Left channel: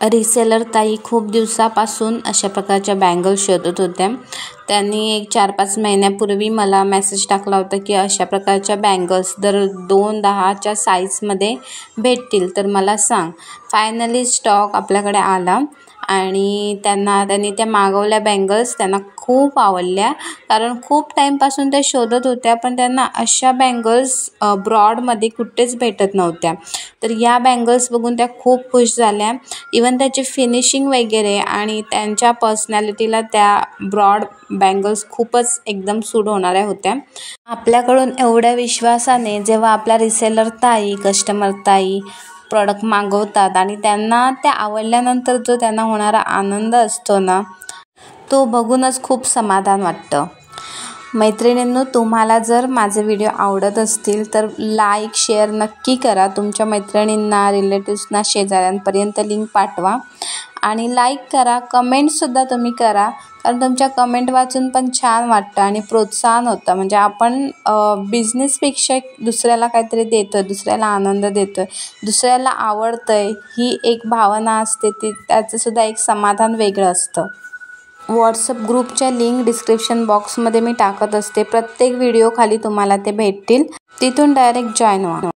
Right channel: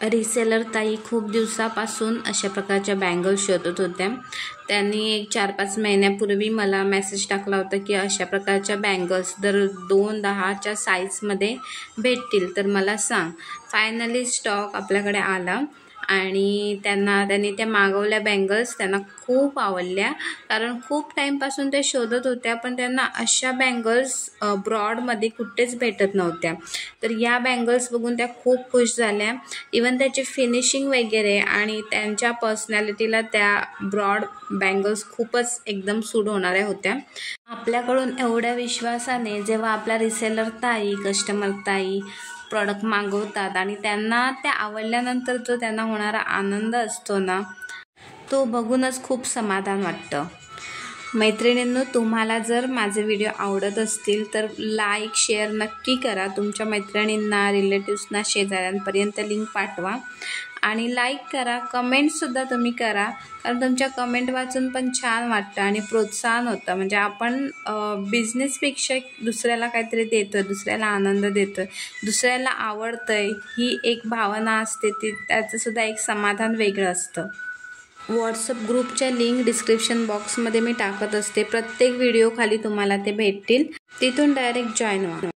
Reseller ताई खूप दिवसापासून अशा प्रकारच्या बँगल्स शोधत होत्या। त्यांनी एक 4-5 महिन्यापूर्वी मला मेसेज टाकला होता की अशा प्रकारच्या बँगल्स दर 2-10च्या साईजमध्ये भेटतील तर मला सांग। फायनली स्टॉक आपल्याकडे आला आणि त्यांनी त्या मागवल्या बँगल्स त्यांना खूप आवडल्या, कारण खूप टाईमपासून ते शोधत होत्या पण त्यांना अशा बँगल्स ब्रॉडमध्ये कुठेच भेटत नव्हत्या। तर या बँगल्स बघून त्या खूप खुश झाल्या। इवन त्याची फिनिशिंग वगैरे आणि त्यांच्या पर्सनॅलिटीला त्या ब्रॉड बँगल्स खूपच एकदम सूट होणाऱ्या होत्या। आपल्याकडून एवढ्या विश्वासाने जेव्हा आपल्या रिसेलर ताई, कस्टमर ताई प्रॉडक्ट मागवतात आणि त्यांना त्या आवडल्यानंतर जो त्यांना होणारा आनंद असतो ना, तो बघूनच खूप समाधान वाटतं। मैत्रिणींनो, तुम्हाला जर माझे व्हिडिओ आवडत असतील तर लाईक शेअर नक्की करा। तुमच्या मैत्रिणींना, रिलेटिव्सना, शेजाऱ्यांपर्यंत लिंक पाठवा आणि लाईक करा, कमेंटसुद्धा तुम्ही करा, कारण तुमच्या कमेंट वाचून पण छान वाटतं आणि प्रोत्साहन होतं। म्हणजे आपण बिझनेसपेक्षा दुसऱ्याला काहीतरी देतोय, दुसऱ्याला आनंद देतोय, दुसऱ्याला आवडतंय ही एक भावना असते, ती त्याचंसुद्धा एक समाधान वेगळं असतं। व्हॉट्सअप ग्रुपच्या लिंक डिस्क्रिप्शन बॉक्समध्ये मी टाकत असते। प्रत्येक व्हिडिओ खाली तुम्हाला ते भेटतील, तिथून डायरेक्ट जॉईन व्हा।